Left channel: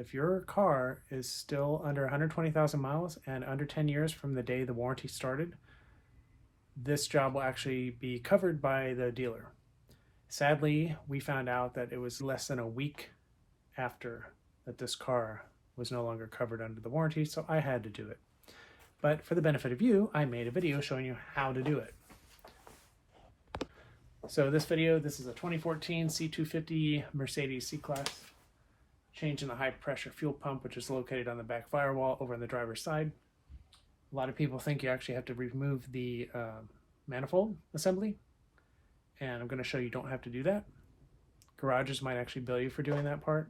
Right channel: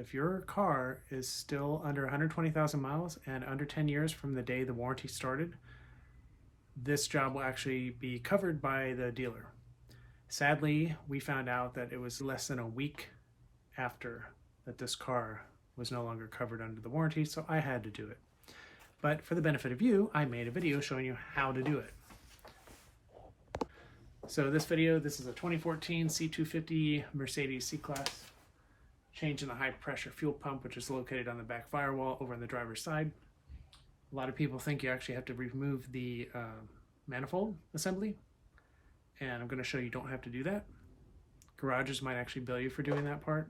if your car is still under 120,000 miles and under 10 years from the day the warranty started, this job will actually be covered by the dealer. Sadly, we found out that it was less than a week after that this car was no longer covered under the warranty, so I had to do it. But for the benefit of you, I made a video showing you how to do it. So this is a 2014 C250 Mercedes C-Class. Changing the high pressure fuel pump, which is located on the back firewall over on the driver's side. A lot of people think you actually have to remove the manifold assembly, and I'm going to show you don't have to do that. Garages might actually bill you for doing that part,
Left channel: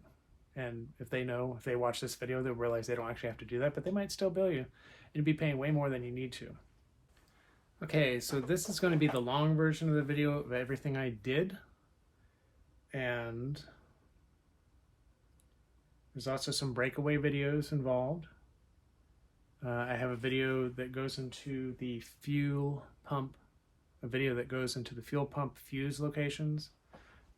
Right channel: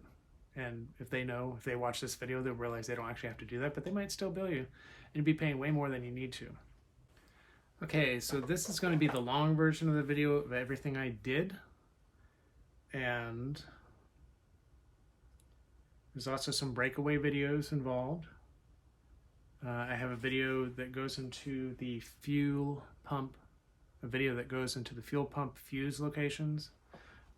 and if they watch this video, they'll realize they don't actually have to do that, but they might still bill you, and you'd be paying way more than you need to. Okay, so this is going to be the long version of the video of everything I did, and there's also some breakaway videos involved. I have a video that goes into the fuel pump, a video that goes into the fuel pump fuse locations.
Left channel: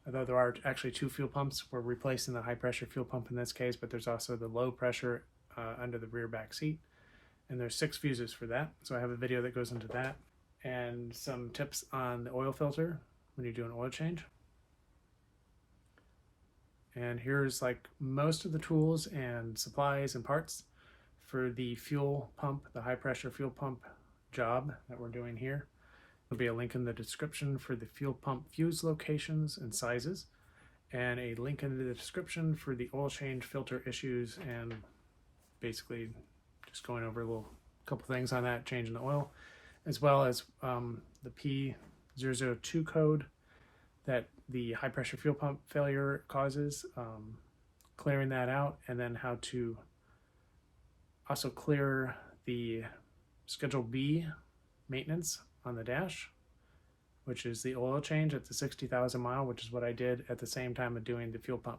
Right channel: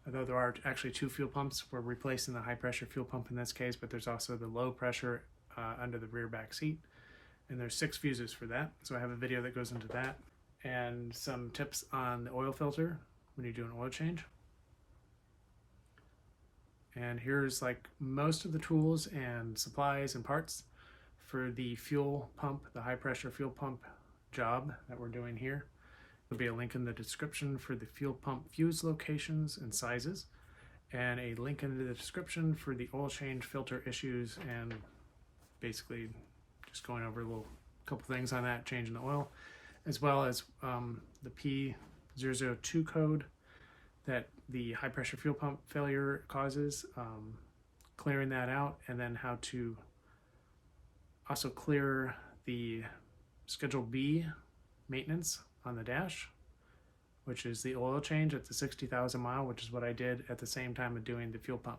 Although there are actually two fuel pumps, we're replacing the high pressure fuel pump in this case, but there's also the low pressure under the rear back seat. And there's 6 fuses for that. So I have a video that goes into that, and some tips on the oil filter when you do an oil change. And here's like most of the tools and supplies and parts for the fuel pump, the high pressure fuel pump job that we're doing here. There'll be a link in the description for the fuel pump fuse locations and sizes, and a link in the description for the oil change filter issues, and basically just going over a couple things on that, changing the oil, as well as the P002 code that the high pressure fuel pump failure causes, clearing that out, and then how to also clear the Schedule B maintenance on the dash, which is the oil change at the 60,000 mile, which is what I did at the same time of doing the fuel pump.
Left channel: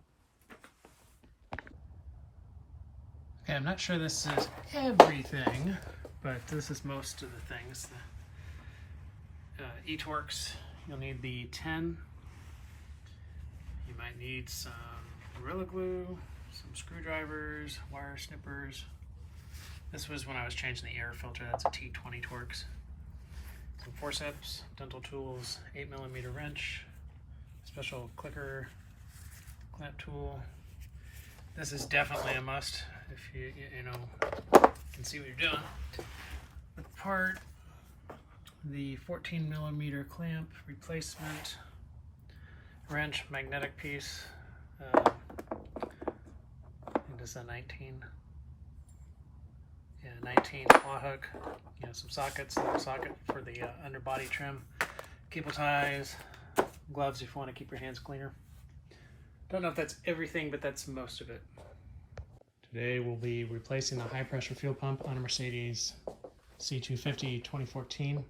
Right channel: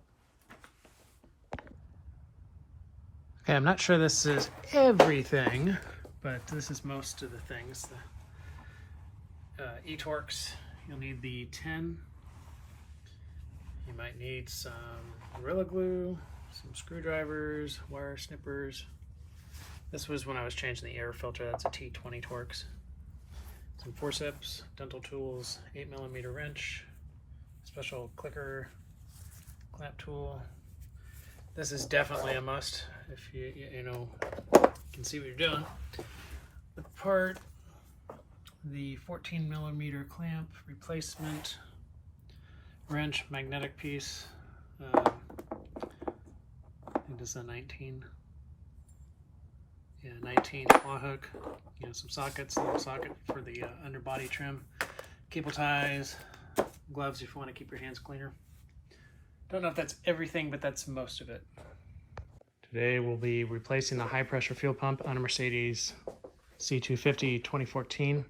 Okay, I'm not sure this is everything, but this is most of the things. The E-Torx, you'll need the 10. You might need some Gorilla Glue, some screwdrivers, wire snippers. This was when I was changing the air filter. That's a T20 Torx. Some forceps, dental tools, 8mm wrench, special clicker, clamp tool. This is definitely a must if you can see what you're doing. The part, the 14mm clamp replacement, wrench, magnetic piece. I think this is a 19. Yeah, 19 claw hook. Some sockets, little socket for the underbody trim, cable ties, gloves if you want to keep your hands cleaner. Don't know if that's everything, but that's most of it. Today we'll be replacing the high pressure fuel pump on a Mercedes C250 2014.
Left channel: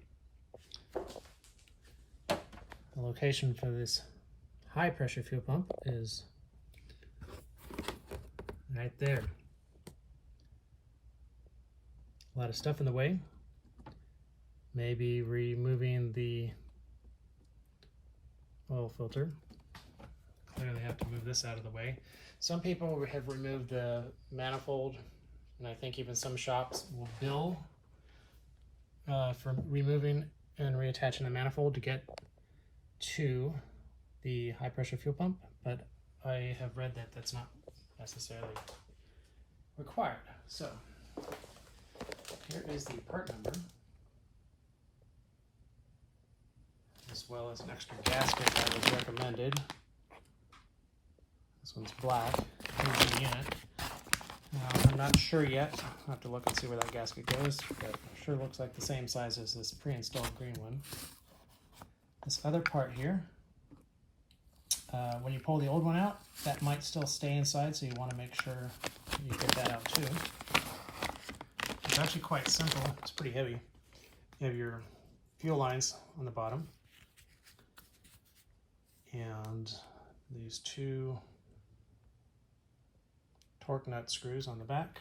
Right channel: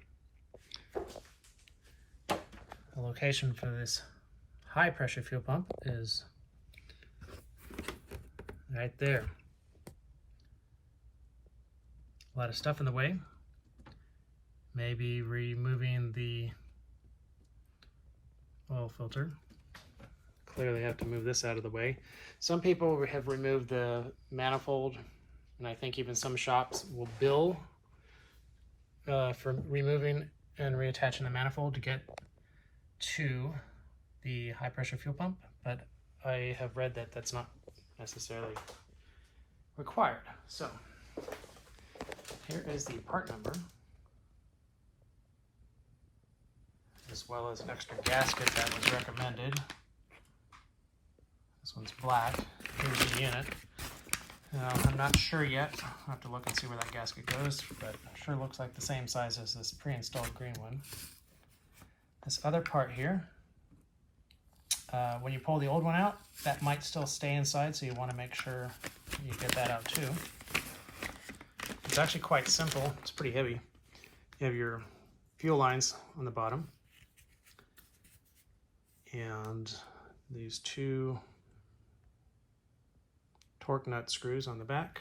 The location for this high pressure fuel pump is right there. A lot of stuff in the way. Maybe removing the oil filter. Clearly have to move this out of the way. Some people have removed the manifold, and I think even some shops will bill for removing and reattaching the manifold to get to the high pressure fuel pump, but I have read that that's not necessarily required. So here is the part number, as well as an extra gasket that was recommended. This one's black. Here's the unit. I'm not sure yet. I'll have to look and see where that gasket goes, but it sure looks like the same size as this pre-installed green one. This other part here, when you pull the old one out, that might still stay inside, so you want to make sure you get that out too. It's actually quite simple. It's pretty heavy. You have your fuel lines on the bottom, and these 2 torque nut screws on the back.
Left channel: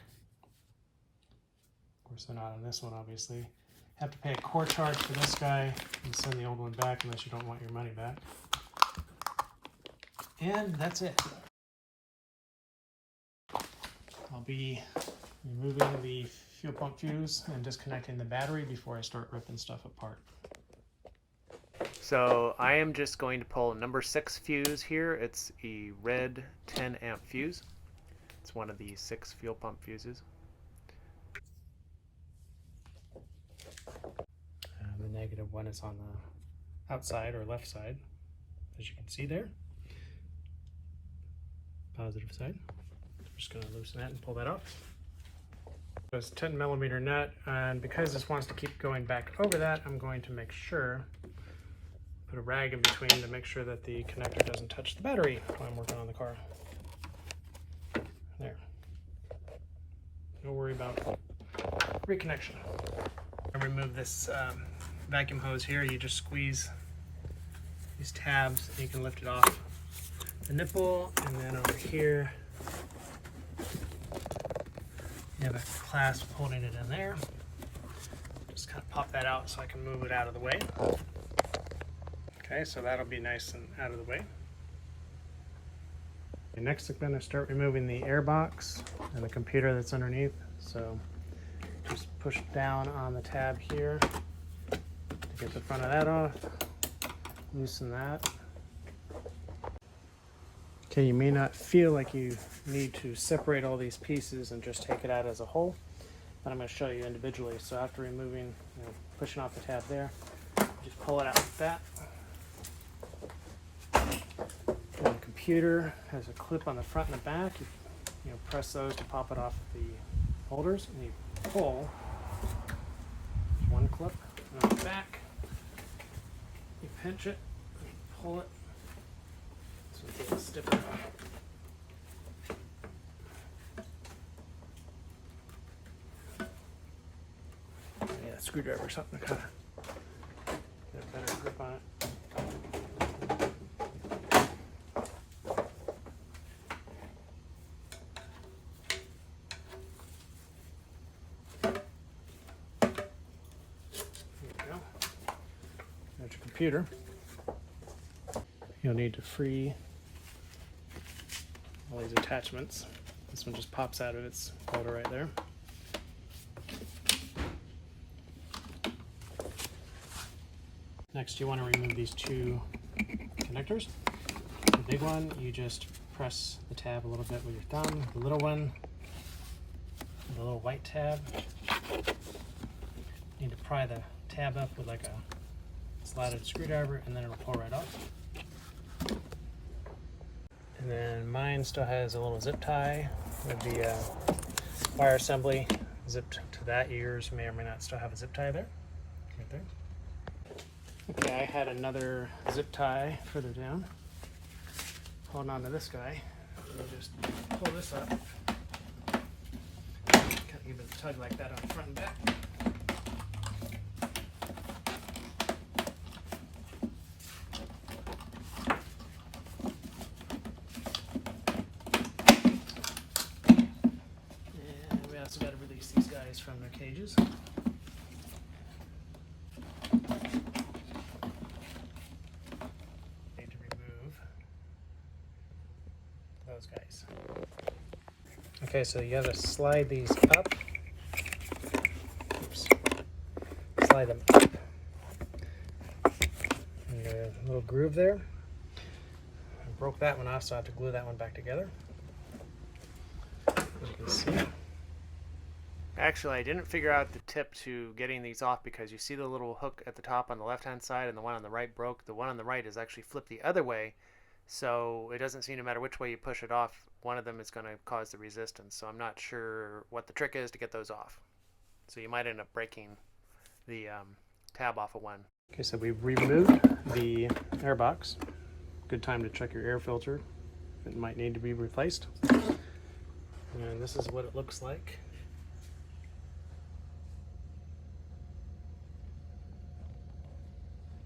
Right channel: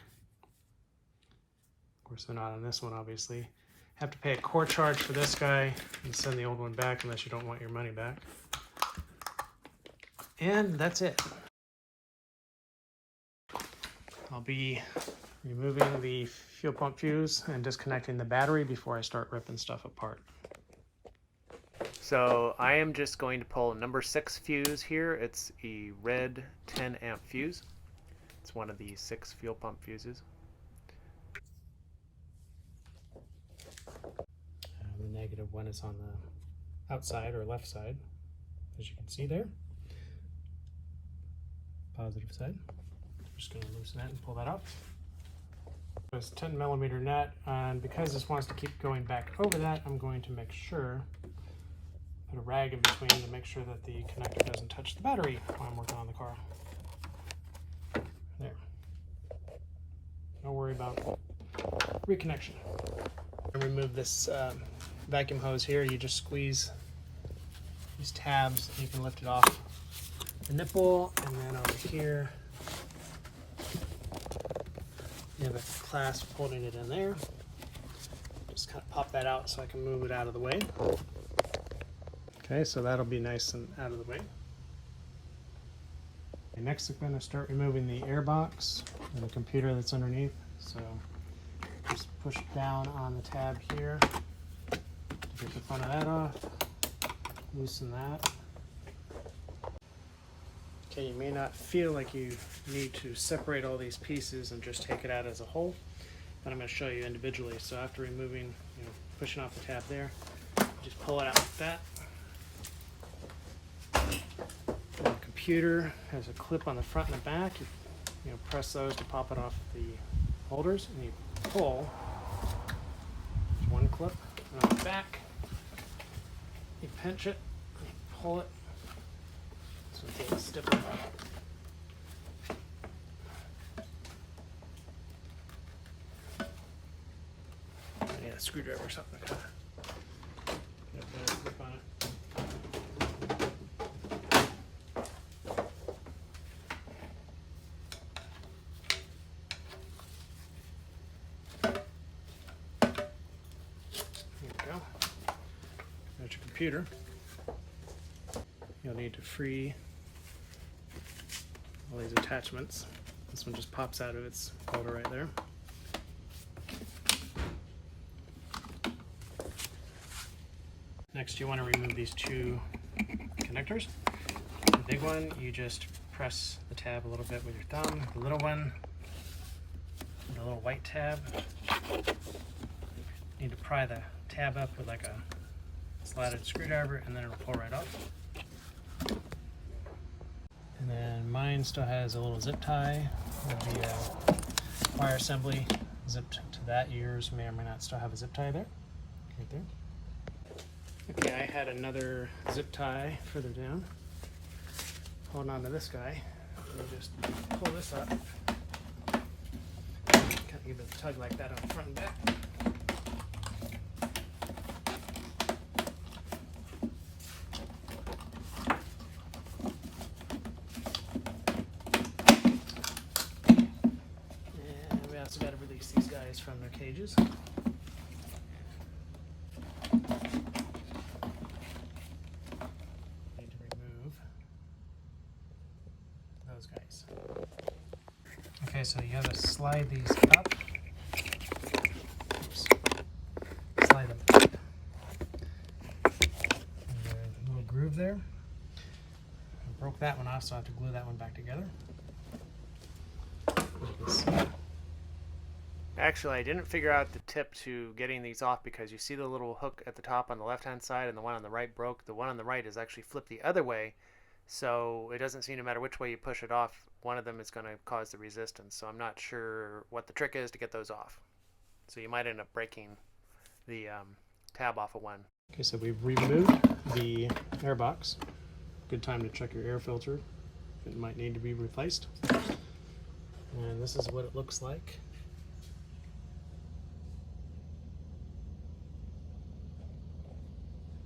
Of course, they're not on this one, obviously. Have to pay a core charge for this guy and send the old one back unless you don't want your money back. And that's it. be removing the fuel pump fuse and disconnecting the battery before I start ripping stuff apart. So I am just going to pull number 6 fuse here. It's a red 10 amp fuse. It's one of the 6 fuel pump fuses. The negative one is on the outside or left side, as you can see there. Positive side. I'm just going to loosen that and pull that off. It's a 10 millimeter nut, and because this wants to keep going back over that, I'm going to make sure, put a rag in between to make sure that the connector doesn't touch the battery while I'm working on the car. There. Don't worry about reconnection. And remove this vacuum hose here. You just squeeze these tabs and you can lift it off the nipple, and then over here you have a clasp holding it in there. Just kind of pop that out so I can move it out of the way. Okay, so that'll be nice and out of the way. And next I'm going to start removing the airbox and the computer that's underneath. So just push down on the tab here to get the front of that off. Loosen that. Okay, you may not feel like you need to separate all these pieces and just take it out as a whole, but I'm going to show you individually. So after removing, pushing off the tab there, just pull it out like that. And the computer has a clip on the front and the back. You press those to pop it off the holders, and you pull. There's one clip, and on the back, you pinch it, and pull it. So it's a little stiffer. Yeah, screwdriver or something to get a better grip on it. There's your computer. You'll need to free all these attachments. This one just pops out of its holder right there. Next, you want to remove these 2 connectors. The big one, you just press the tab a little bit with your thumb. The little one, the little white tab, you need to pry the tab up with like a slotted screwdriver, and then it'll pull right off. And then mine still has a little zip tie with the wire assembly zipped to that. Yours may or may not still have a zip tie there, right there. Okay, I had another zip tie further down. Holding on to this guy, you just pull this up. Kind of give it a tug like that on the front and back. So got to release these guys from their cages. Need to remove those guys. Okay, so you got to slide these up. Oops. Slide them up. And a little groove there. I broke that one off, so I have to glue that one back together. As you can see. Actually, I didn't figure out the tip to getting these off because you see the little hook at the top on the left-hand side and the one on the right broke. The one on the right is actually flipped the other way, so it doesn't seem no matter which way you push it off, one of them is going to cause the resistance. So I'm not sure what the trick is to get those off. So you might end up breaking the tab off of one. Okay, so we've removed the airbox. Good time to check your air filter. It might need to be replaced. And this is what it looks like.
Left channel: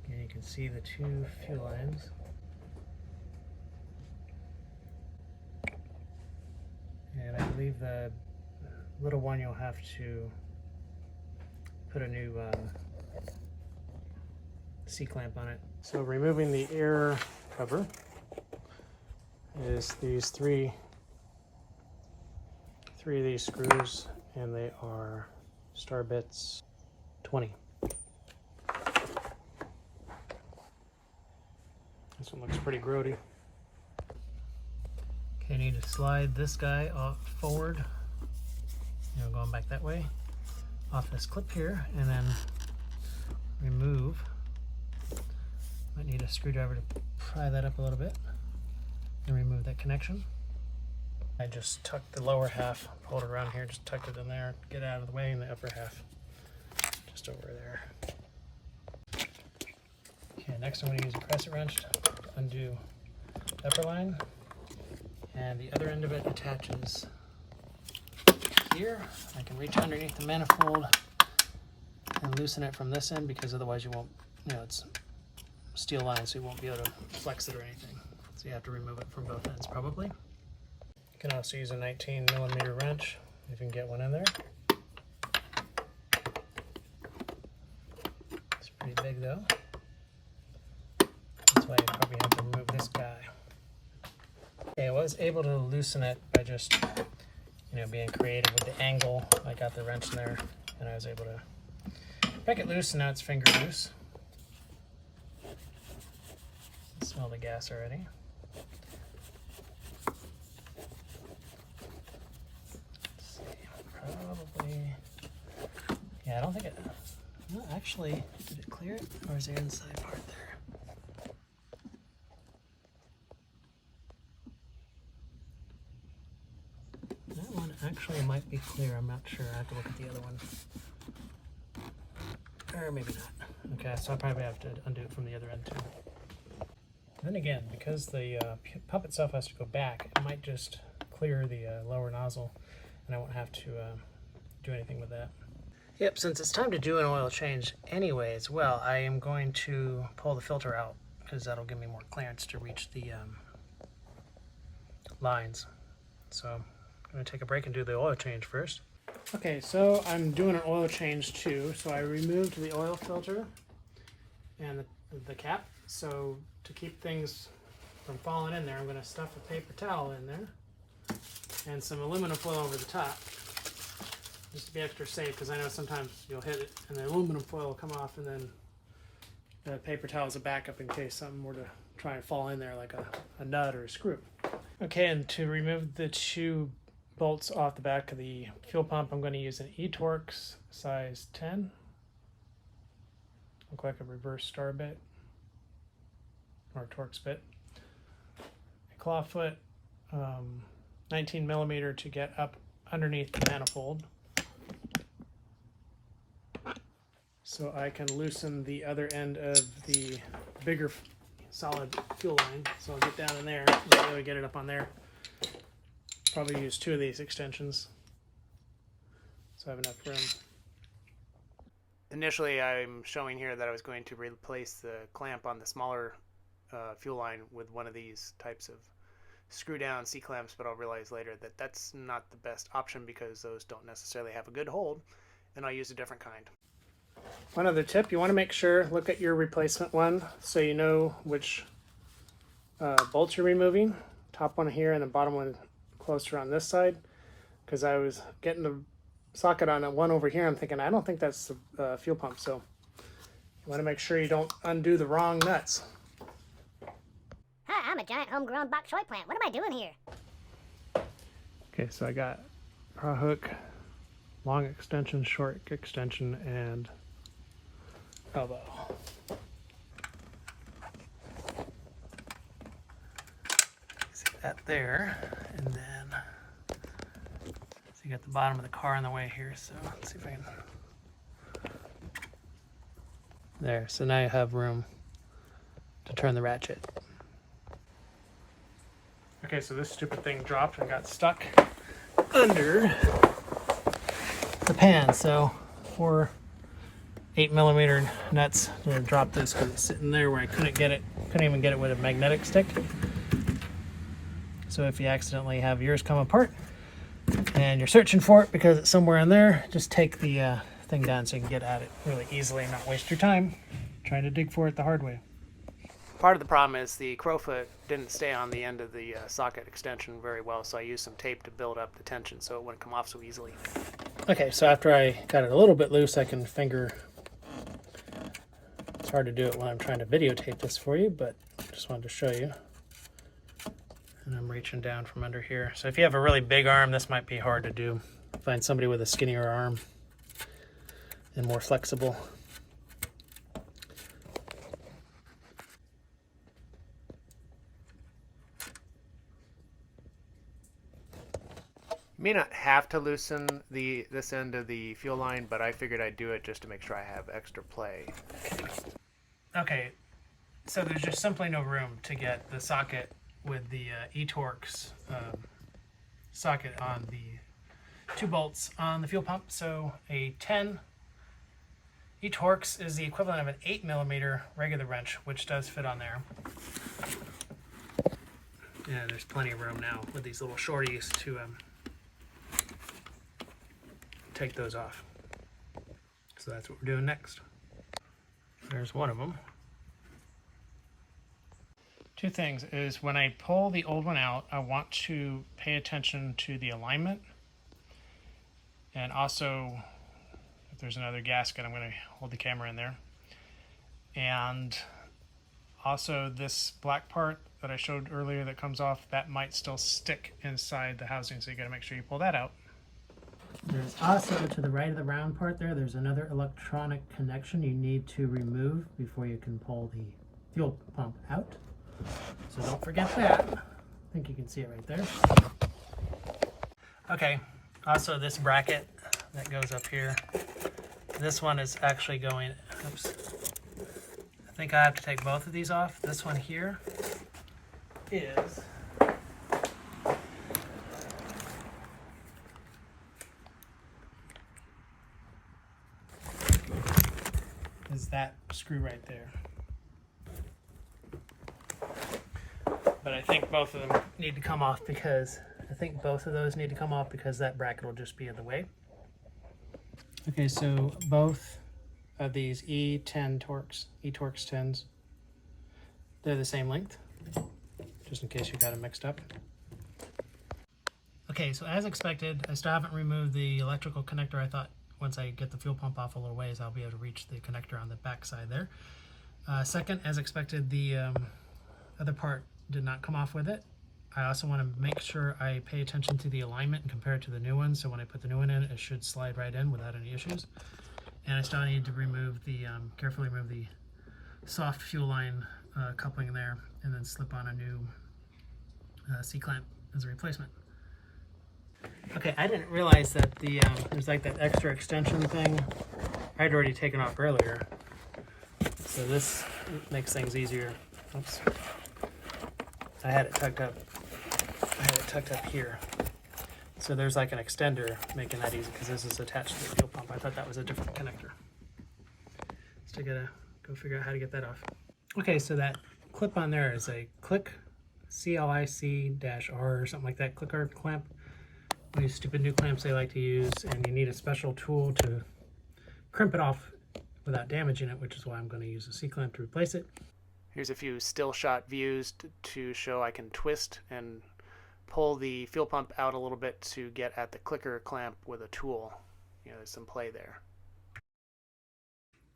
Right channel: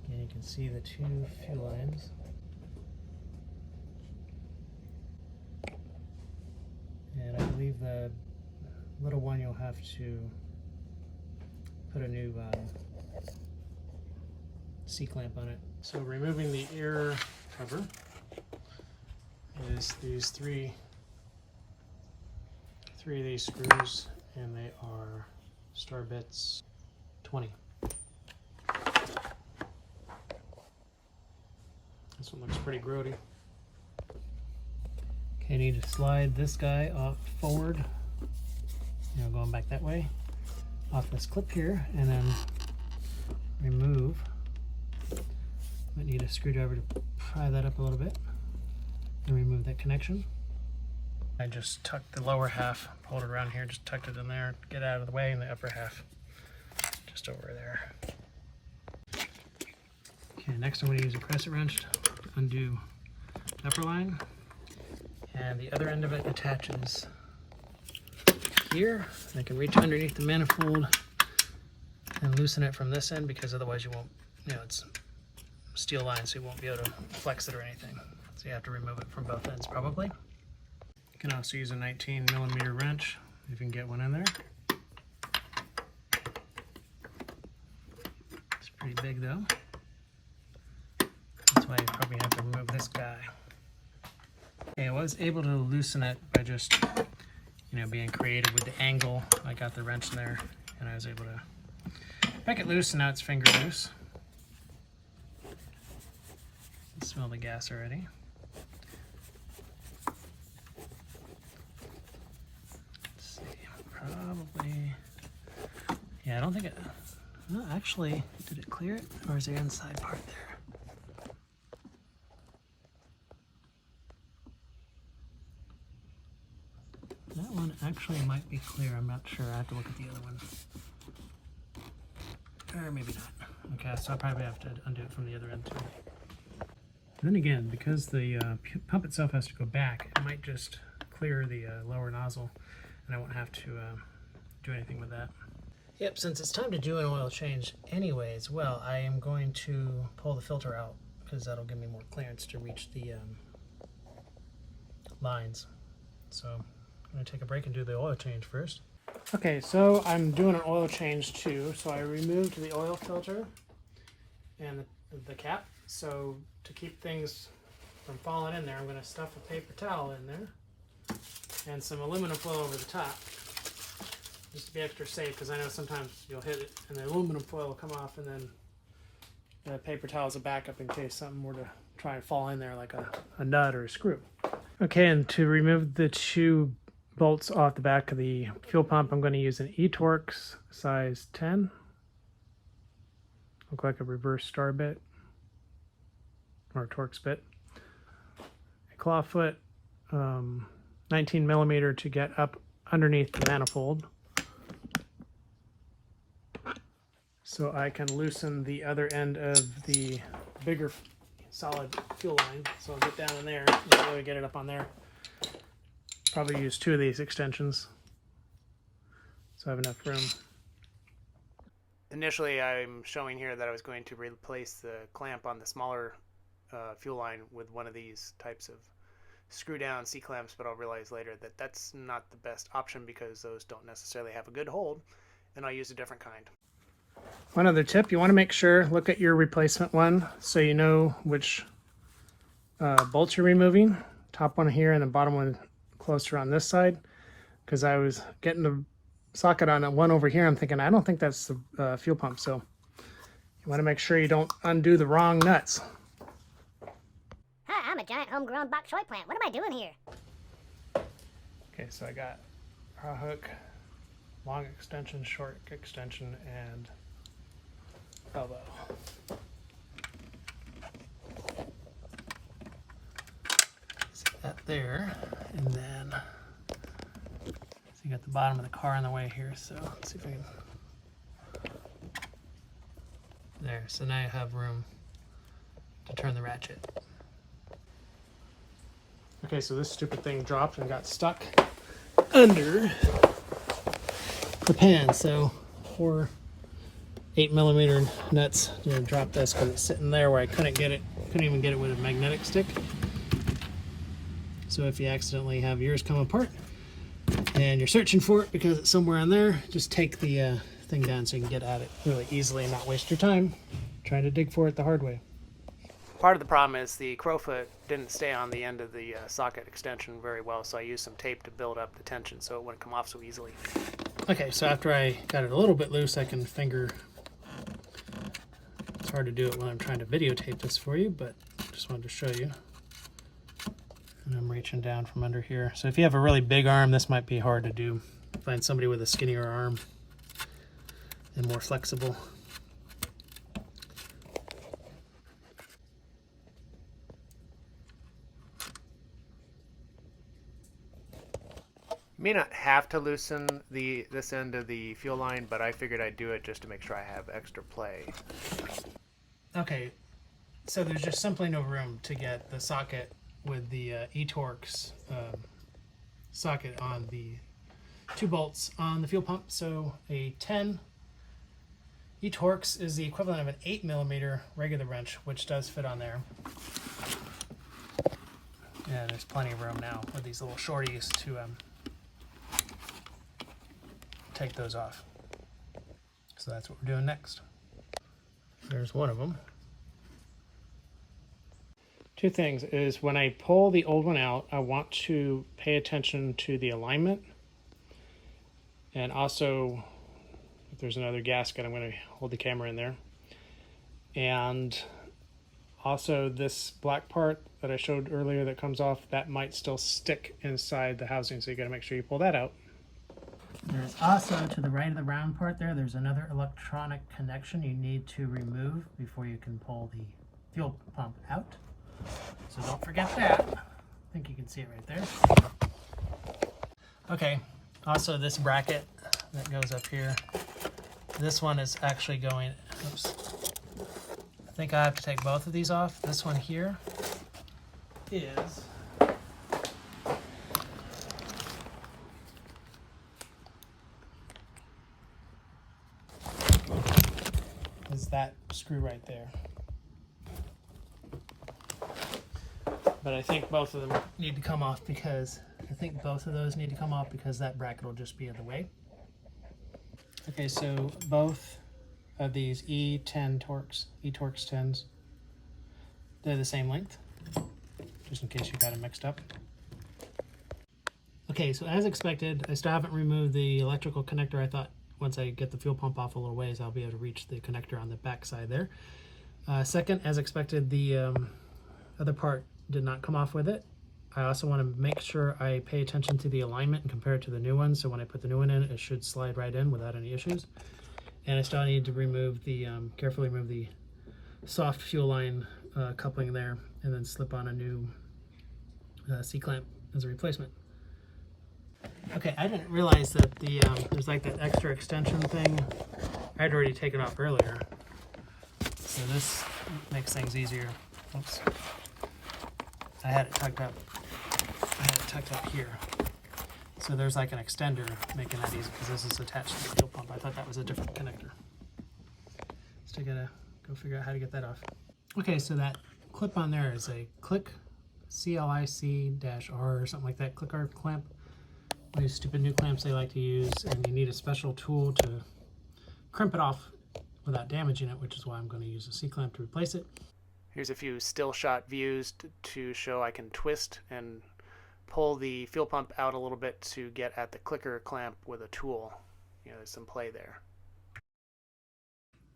And you can see the 2 fuel lines. And I believe the little one you'll have to put a new C-clamp on it. So removing the air cover is these three 3 of these screws, and they are star bits 20. This one looks pretty grody. Okay, I need to slide this guy off forward, going back that way, off this clip here, and then remove. Might need a screwdriver to pry that up a little bit and remove that connection. I just tucked the lower half, pulled it around here, just tucked it in there, get out of the way, and the upper half just over there. Okay, next I'm going to use a crescent wrench to undo the upper line, and the other end of it attaches here. I can reach underneath the manifold and loosen it from this end, because otherwise you won't, it's steel line, so you won't be able to flex it or anything. So you have to remove it from both ends probably. You can also use a 19mm wrench if you can get one in there. It's pretty big though. That's why you probably have to remove this guy. Okay, I was able to loosen it by just, being creative with the angle. I got the wrench in there and I was able to break it loose, and now it's finger loose. I can smell the gas already. Let's see, probably, I don't think it, no, actually, did it clear it, or is there an inside part there? That one actually might be clear, I'm not sure, I have to look at the other one. Or maybe not. Okay, so I'll probably have to undo it from the other end too. Then again, because the pump itself has to go back, it might just clear the lower nozzle, and I won't have to do anything with that. Yep, since it's time to do an oil change anyway as well, I am going to pull the filter out, because that'll give me more clearance to reach the lines. So I'm going to take a break and do the oil change first. Okay, so I'm doing an oil change too. So I removed the oil filter and the cap. So to keep things from falling in there, I'm going to stuff a paper towel in there and some aluminum foil over the top, just to be extra safe, because I know sometimes you'll hit it and the aluminum foil will come off, and then the paper towel is a backup in case something were to try and fall in there, like a nut or a screw. Okay, and to remove the 2 bolts off the back of the fuel pump, I'm going to use an eTorx size 10. Look like a reverse star bit or a Torx bit. A clawfoot 19mm to get up underneath the manifold, so I can loosen the other end of the bigger solid fuel line. So I'll get down in there, really get it up on there. Probably use 2 of these extensions, so I have enough room. Initially, I'm showing here that I was going to replace the clamp on the smaller fuel line with one of these types of screw down C-clamps, but I'll realize later that that's not the best option, because those don't necessarily have a good hold, and I'll use a different kind. One other tip, you want to make sure, look at your replacement one so you know which bolts you're removing. Top one here and the bottom one closer on this side, because I was getting the socket on one over here. I'm thinking, I don't think that's the fuel pump, so you want to make sure you don't undo the wrong nuts. Hi, I'm a giant homegrown bok choy plant. What am I doing here? Okay, so I got a hook, long extension, short extension, and elbow. Set that there, and then so you got the bottom of the car in the way here, so let's see if I can. There, so now you have room to turn the ratchet. Okay, so this stupid thing dropped and got stuck under the pan, so 4 8mm nuts to drop this, because it's sitting there where I couldn't even get it with a magnetic stick. So if you accidentally have yours come apart and you're searching for it because it's somewhere in there, just take the thing down so you can get at it really easily and not waste your time trying to dig for it the hard way. Part of the problem is the crowfoot didn't stay on the end of the socket extension very well, so I used some tape to build up the tension so it wouldn't come off so easily. Okay, so after I got it a little bit loose, I can finger. It's hard to do it when I'm trying to videotape this for you, but just wanted to show you. And I'm reaching down from under here. So if you have a really big arm, this might be hard to do. Find somebody with a skinnier arm and more flexible. You may not have to loosen this end of the fuel line, but I figured I'd do it just to make sure I have extra play. Okay, so there's just simply no room to get the socket with the eTorx socket on the 2 bolts on the fuel pump. So a 10 eTorx is the equivalent of an 8mm regular wrench, which does fit on there. Yeah, there's plenty of room now with these little shorties to take those off. So that's what we're doing next. There's one of them. 2 things is when I pull the old one out, I want to pay attention to the alignment, and also if there's another gasket, I'm going to hold the camera in there. And also this black part that I showed earlier that comes off, that might still stick inside the housing, so you got to make sure you pull that out. There's also, to the right of the round part there, there's another electronic connection you need to remove before you can pull the fuel pump out. So don't forget that. I think you can see it right there. Okay, also this bracket that goes up here, this one is actually going, oops. I think I have to take both of these off. This one here is that screw right there. But I think both of them need to come off because that bracket will just be in the way. Okay, so both of these eTorx 10s, they're the same length, just in case you got them mixed up. Okay, so as expected, I still haven't removed the electrical connector. I thought once I get the fuel pump off a little ways, I'll be able to reach the connector on the back side there. Second, as expected, the other part did not come off with it. I also want to make sure I pay attention to the alignment and compare it to the new one, so when I put the new one in, it should slide right in without any issues. And I still need to remove the, carefully remove the soft fuel line coupling there, and then slip on a new C-clamp as a replacement. Okay, I didn't realize that there's like that extra extension thing I'd already taken off earlier. So this makes things easier. Oops. I had it tucked up here. So there's like an extender making that easy because this is attached to the fuel pump. I thought that was a different connector. Still gotta go figure out how to get that off. Okay, so that clip on there is a click CLIC-R or something like that, clicker clamp. These stupid new clamps they like to use, and you need a special tool to crimp it off without damaging it, which is why I'm going to use a C-clamp to replace it. Here's a few still shot views to show I can twist and pull the fuel pump out a little bit to get at the clicker clamp with a tool. You know, there's some play there.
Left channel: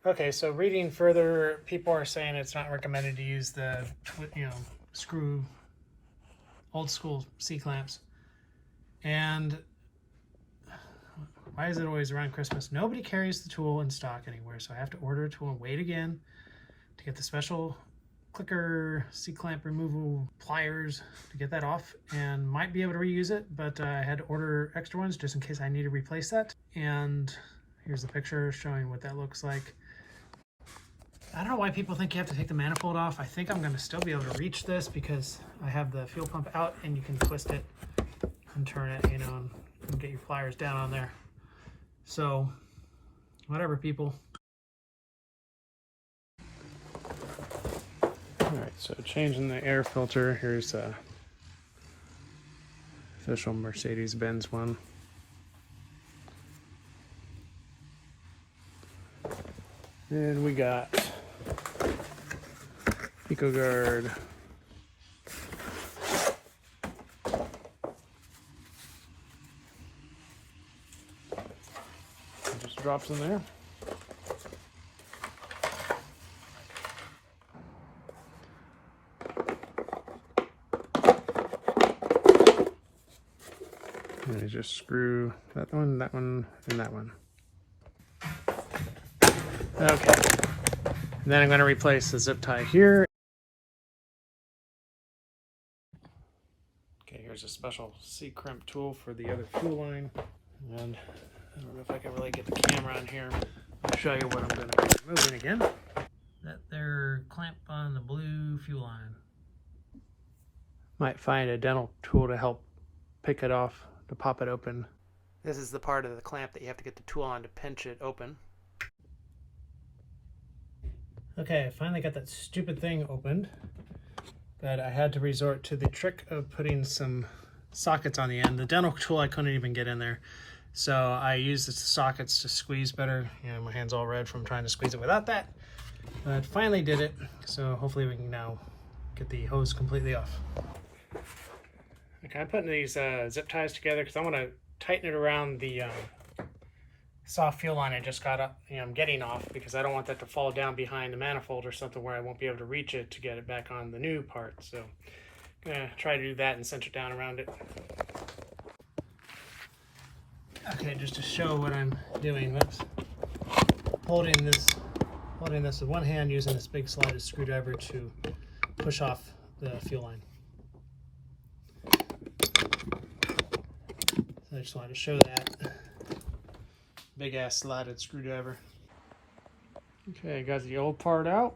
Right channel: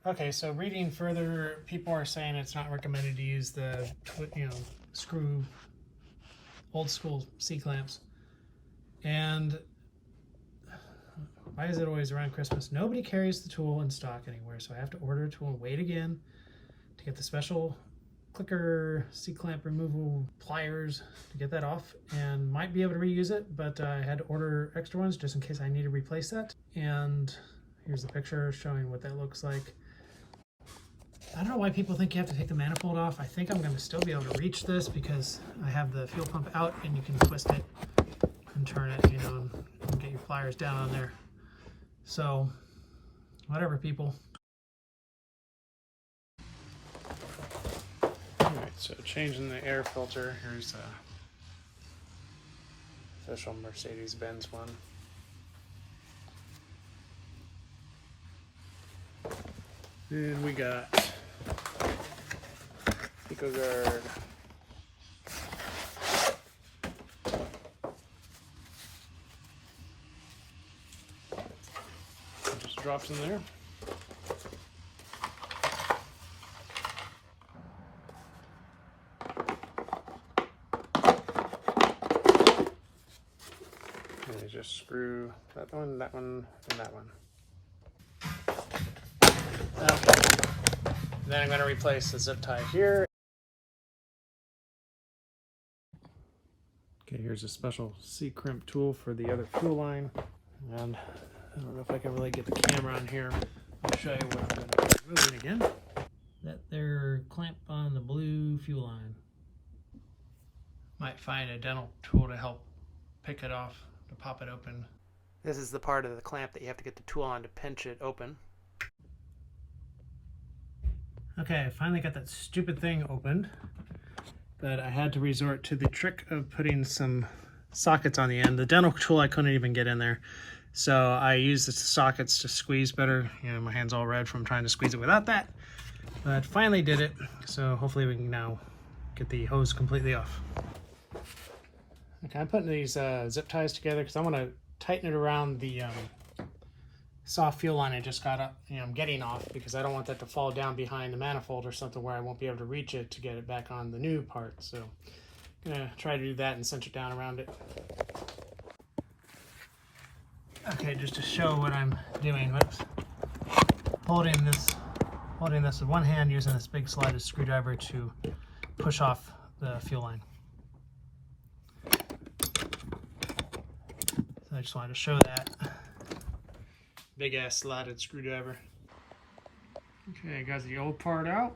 Okay, so reading further, people are saying it's not recommended to use the screw old school C-clamps. And why is it always around Christmas? Nobody carries the tool in stock anywhere, so I have to order a tool and wait again to get the special clicker C-clamp removal pliers to get that off, and might be able to reuse it, but I had to order extra ones just in case I need to replace that. And here's the picture showing what that looks like. I don't know why people think you have to take the manifold off. I think I'm going to still be able to reach this because I have the fuel pump out and you can twist it and turn it, you know, and get your pliers down on there. So, whatever, people. Alright, so changing the air filter. Here's a official Mercedes-Benz one. And we got Pico guard. Just drops in there. And you just screw that one, and that one. Okay. And then I'm going to replace the zip tie here. Okay, here's a special C-crimp tool for the other fuel line. And I don't know if I can really get the camera on here. I'll show you what I'm going to be removing again. That there clamp on the blue fuel line. Might find a dental tool to help pick it off, to pop it open. This is the part of the clamp that you have to get the tool on to pinch it open. Okay, I finally got that stupid thing opened, but I had to resort to the trick of putting some sockets on the end. The dental tool I couldn't even get in there, so I used the sockets to squeeze better. You know, my hand's all red from trying to squeeze it without that, but finally did it, so hopefully we can now get the hose completely off. Okay, I'm putting these zip ties together because I want to tighten it around the soft fuel line I just got up, I'm getting off, because I don't want that to fall down behind the manifold or something where I won't be able to reach it to get it back on the new part. So I'm gonna try to do that and cinch it down around it. Okay, just to show what I'm doing, holding this with one hand, using this big slotted screwdriver to push off the fuel line. So I just wanted to show that. Big ass slotted screwdriver. Okay, got the old part out.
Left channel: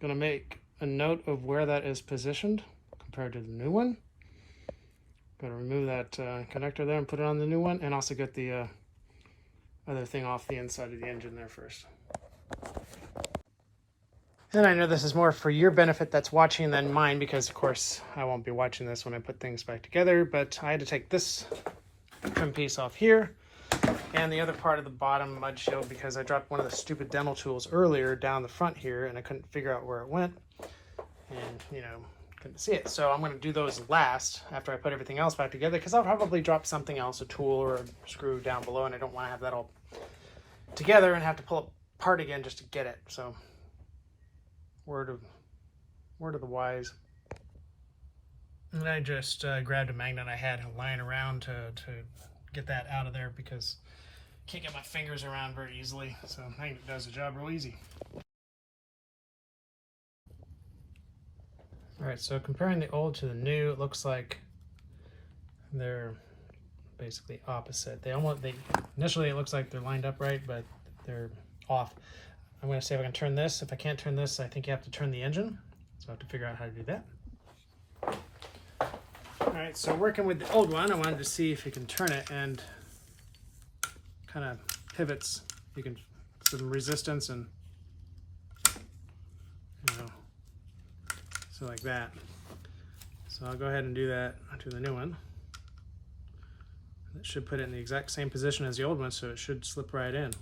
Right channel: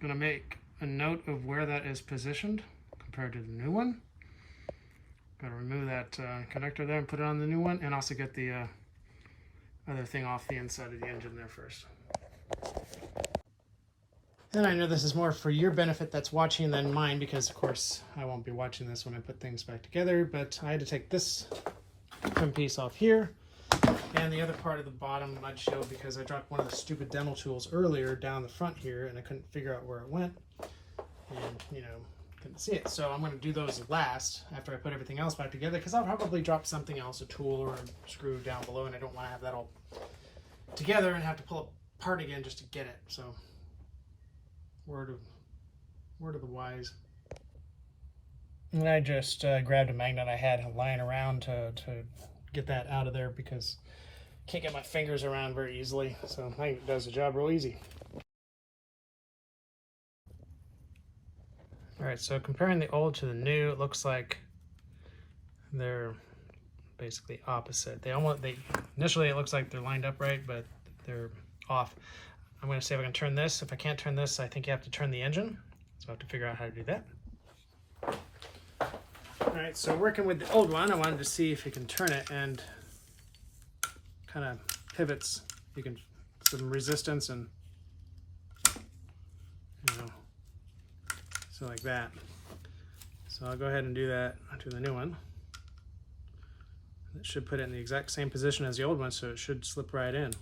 Gonna make a note of where that is positioned compared to the new one. Gonna remove that connector there and put it on the new one, and also get the other thing off the inside of the engine there first. And I know this is more for your benefit that's watching than mine, because of course I won't be watching this when I put things back together, but I had to take this trim piece off here and the other part of the bottom mud shield, because I dropped one of the stupid dental tools earlier down the front here and I couldn't figure out where it went, and couldn't see it. So I'm going to do those last after I put everything else back together, because I'll probably drop something else, a tool or a screw down below, and I don't want to have that all together and have to pull it apart again just to get it. So word of the wise. And I just grabbed a magnet I had lying around to get that out of there, because I can't get my fingers around very easily. So I think it does the job real easy. All right, so comparing the old to the new, it looks like they're basically opposite. Initially it looks like they're lined up right, but they're off. I'm going to see if I can turn this. If I can't turn this, I think you have to turn the engine. So I have to figure out how to do that. All right, so working with the old one, I wanted to see if you can turn it, and kind of pivots. You can some resistance and so like that. So I'll go ahead and do that to the new one. That should put it in the exact same position as the old one, so it should slip right in.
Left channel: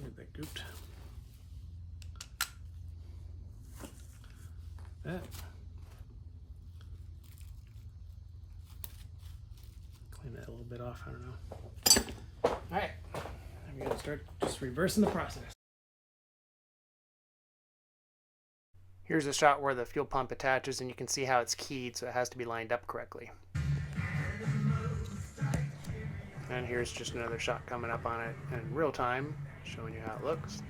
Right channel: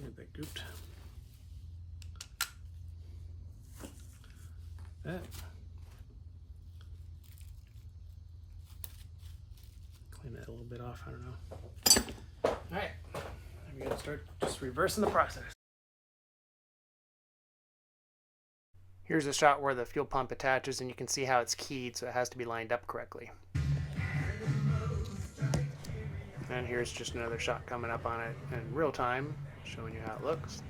Get that gooped. That. Clean that a little bit off, I don't know. All right, I'm gonna start just reversing the process. Here's a shot where the fuel pump attaches, and you can see how it's keyed, so it has to be lined up correctly. And here's just another shot coming up on it in real time, showing you how it looks.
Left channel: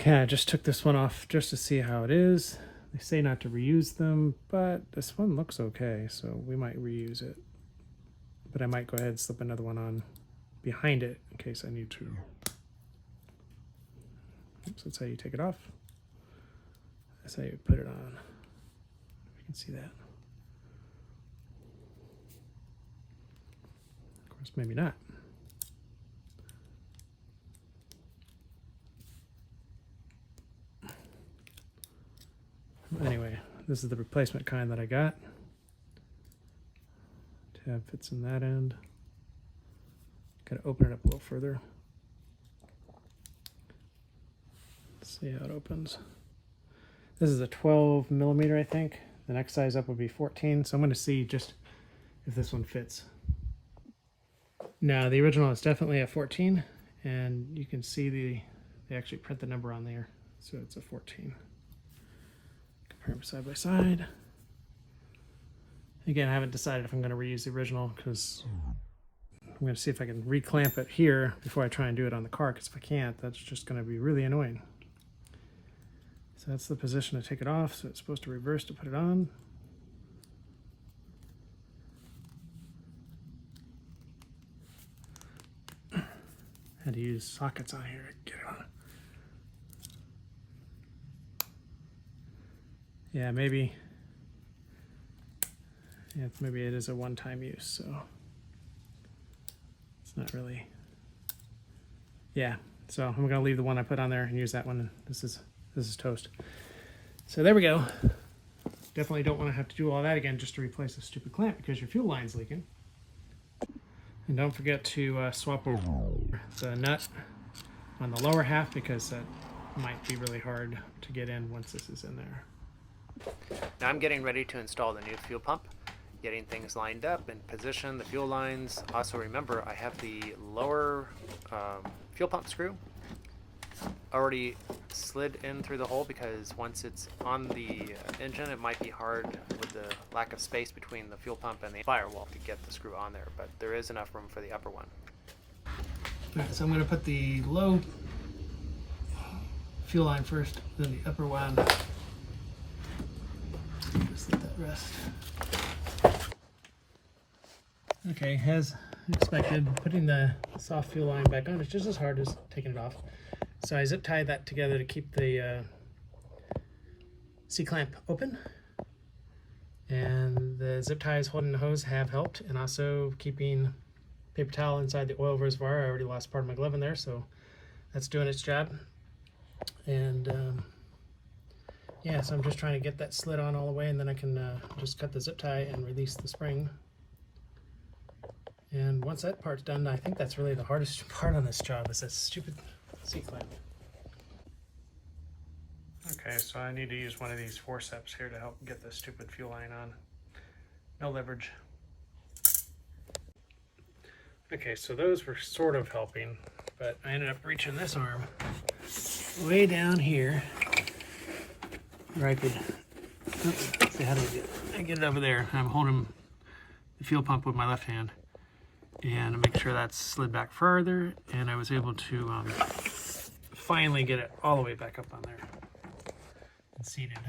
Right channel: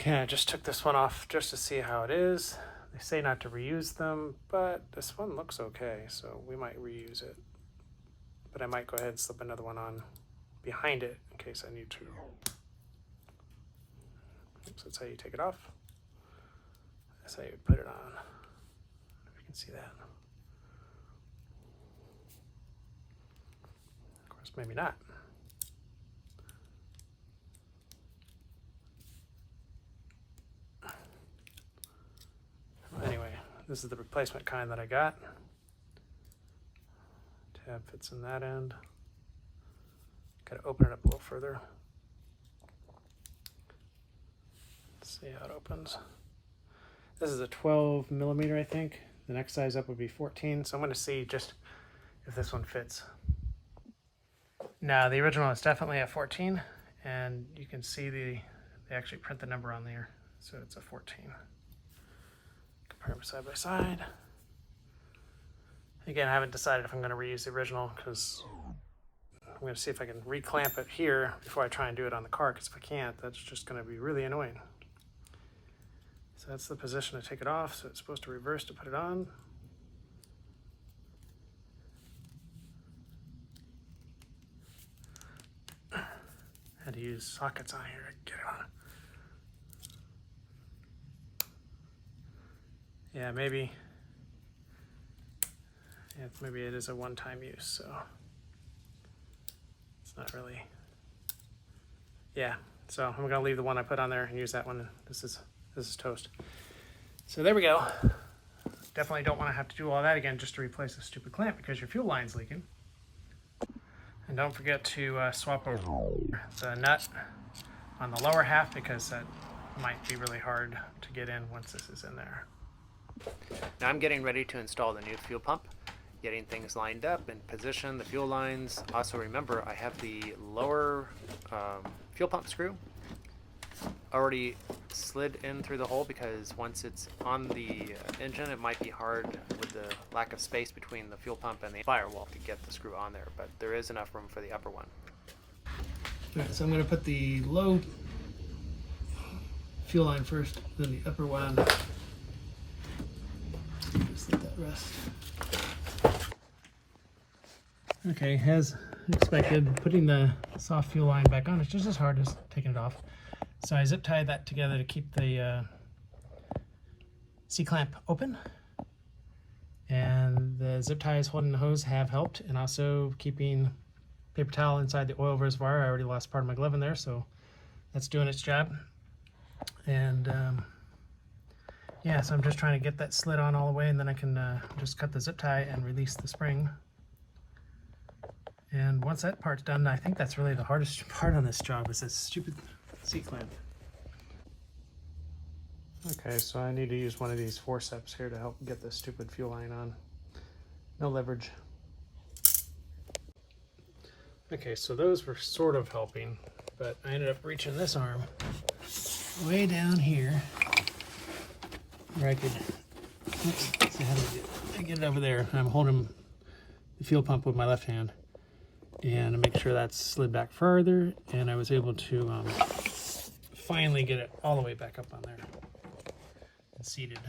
Okay, I just took this one off just to see how it is. They say not to reuse them, but this one looks okay, so we might reuse it. But I might go ahead and slip another one on behind it in case I need to. Oops, that's how you take it off. That's how you put it on. If you can see that. Of course, maybe not. Anyway, this is the replacement kind that I got. Tab fits in that end. Gotta open it up a little further. See how it opens. This is a 12 millimeter, I think. The next size up would be 14, so I'm going to see just if this one fits. Now, the original is definitely a 14, and you can see they actually print the number on there, so it's a 14. Compare them side by side. Again, I haven't decided if I'm going to reuse the original, because I'm going to see if I can reclamp it here before I try and do it on the car, because if I can't, that's just going to be really annoying. So that's the position to take it off, so it's supposed to reverse to put it on. Had to use sockets on here to get it on. Yeah, maybe it is a one-time use, so it's not really. Yeah, so I'm gonna leave the one I put on there and use that one. This is toast. So there we go. Definitely don't want to have to do all that again just to replace the stupid clamp because your fuel line's leaking. And don't forget to swap over the nut on the lower half because that might be really hard to get in once this is in there. Now I'm getting ready to install the new fuel pump, getting things lined up and position, the fuel lines. Also remember I have the lower fuel pump screw already slid in through the hole because once it's on the engine it might be hard with the lack of space between the fuel pump and the firewall to get the screw on there, but there is enough room for the upper one. Alright, so I'm going to put the low fuel line first, then the upper one. Just let that rest. Okay, as expected, putting the soft fuel line back on is just as hard as taking it off. So I zip tied that together to keep the C-clamp open. And the zip ties holding the hose have helped, and also keeping paper towel inside the oil reservoir. I already lost part of my glove in there, so that's doing its job. And yeah, so I'm just trying to get that slid on all the way, and then I can just cut the zip tie and release the spring. And once that part's done, I think that's really the hardest part on this job is this stupid C-clamp. Okay, so I need to use one of these forceps here to help get this stupid fuel line on. No leverage. Okay, so those were sort of helping, but I ended up reaching this arm way down here where I could, oops, let's see how do I get it over there. I'm holding the fuel pump with my left hand and I make sure that's slid back further, and I was able to finally get it all the way back up on there and seated.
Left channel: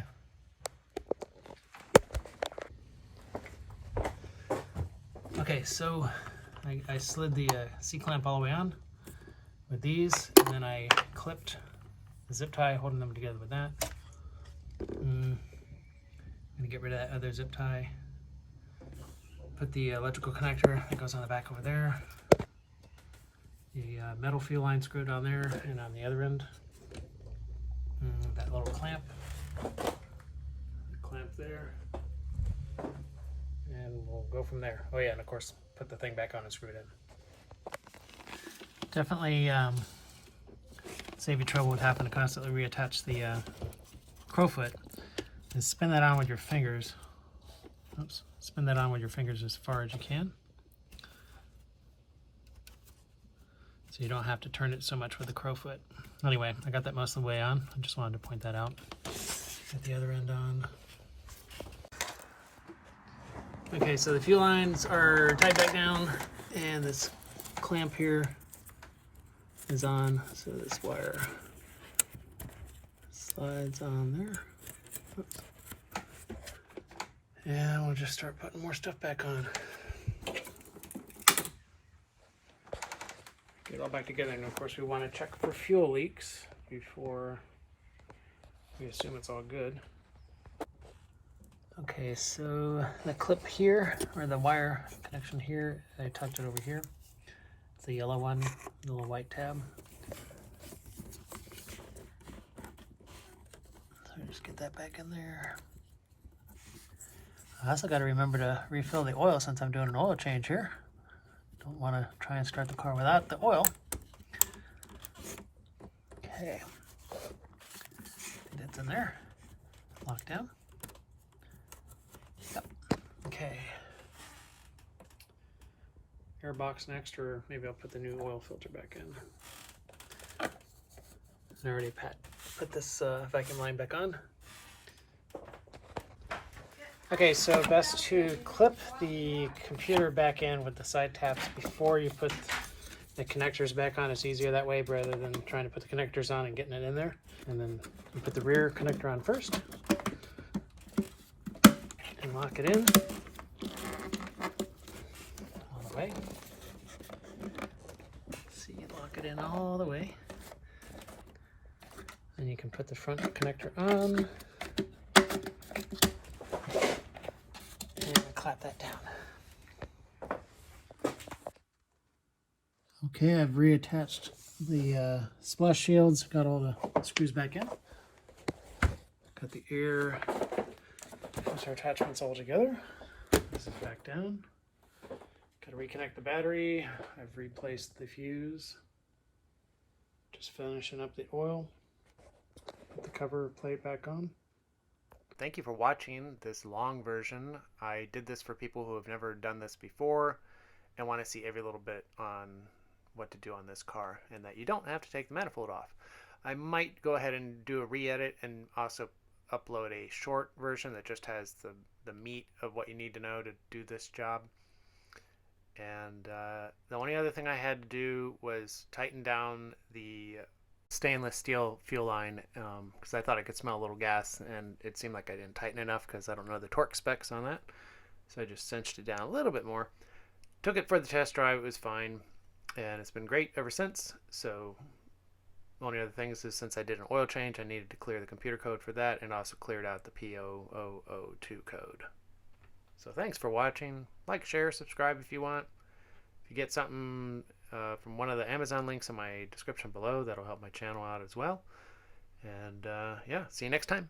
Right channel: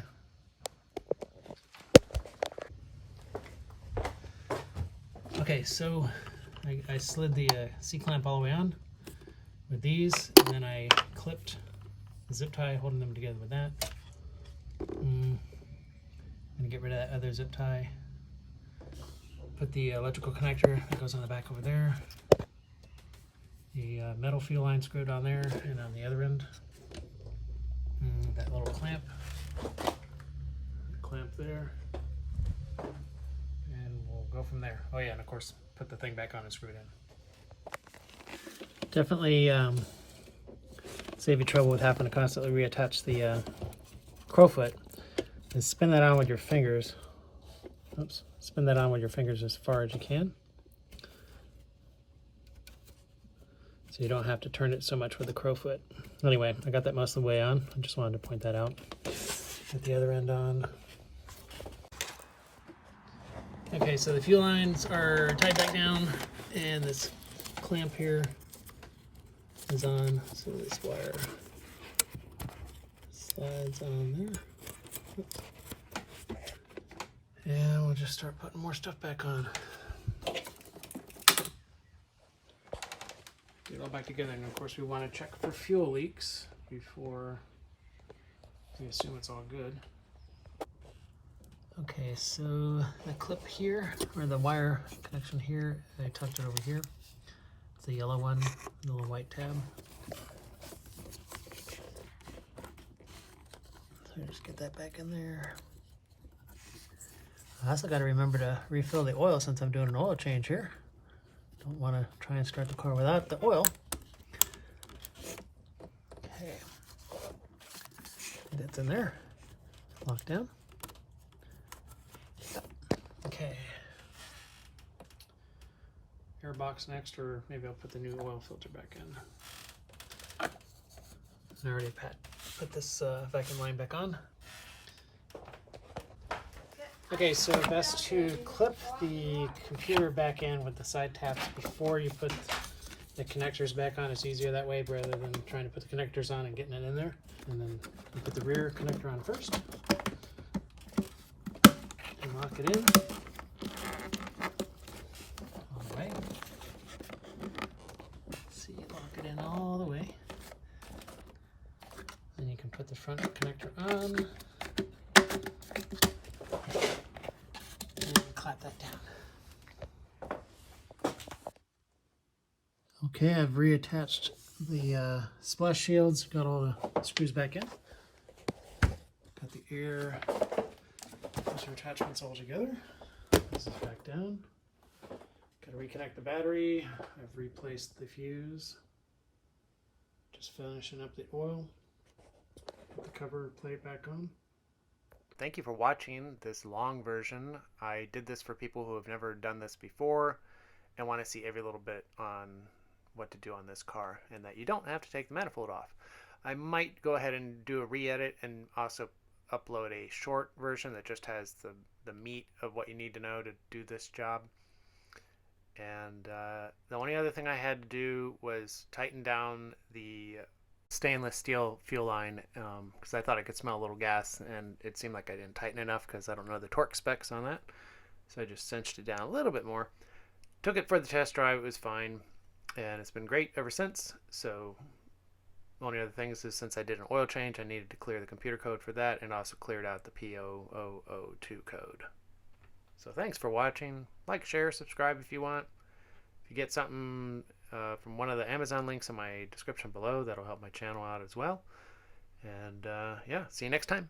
Okay, so I slid the C-clamp all the way on with these, and then I clipped the zip tie, holding them together with that. I'm gonna get rid of that other zip tie. Put the electrical connector that goes on the back over there. The metal fuel line screwed on there and on the other end. That little clamp there. And we'll go from there. Oh yeah, and of course, put the thing back on and screw it in. Definitely save you trouble with having to constantly reattach the crowfoot. And spin that on with your fingers. Oops. Spin that on with your fingers as far as you can. So you don't have to turn it so much with the crowfoot. Anyway, I got that most of the way on. I just wanted to point that out. Get the other end on. Okay, so the fuel lines are tied back down, and this clamp here is on. So this wire slides on there. And we'll just start putting more stuff back on. Get it all back together, and of course we want to check for fuel leaks before we assume it's all good. Okay, so the clip here, or the wire connection here, I tucked it over here. It's the yellow one, the little white tab. So just get that back in there. I also got to remember to refill the oil since I'm doing an oil change here. Don't want to try and start the car without the oil. Okay. It's in there. Lock down. Yep. Okay. Airbox next, or maybe I'll put the new oil filter back in. I already put this vacuum line back on. Okay, so best to clip the computer back in with the side taps before you put the connectors back on. It's easier that way rather than trying to put the connectors on and getting it in there. And then you put the rear connector on first and lock it in all the way. See, lock it in all the way. Then you can put the front connector on. Clap that down. Okay, I've reattached the splash shields, got all the screws back in. Got the air filter attachments all together. This is back down. Got to reconnect the battery. I've replaced the fuse. Just finishing up the oil. Put the cover plate back on. Thank you for watching this long version. I did this for people who have never done this before and want to see every little bit on what to do on this car, and that you don't have to take the manifold off. I might go ahead and do a re-edit and also upload a short version that just has the meat of what you need to know to do this job. And the only other thing I had to do was tighten down the stainless steel fuel line because I thought I could smell a little gas, and it seemed like I didn't tighten enough because I don't know the torque specs on that. So I just cinched it down a little bit more. Took it for the test drive. It was fine, and it's been great ever since. So the only other things is, since I did an oil change, I needed to clear the computer code for that, and also cleared out the P0002 code. So thanks for watching. Like, share, subscribe if you want. If you get something from one of the Amazon links in my description below, that'll help my channel out as well. And yeah, see you next time.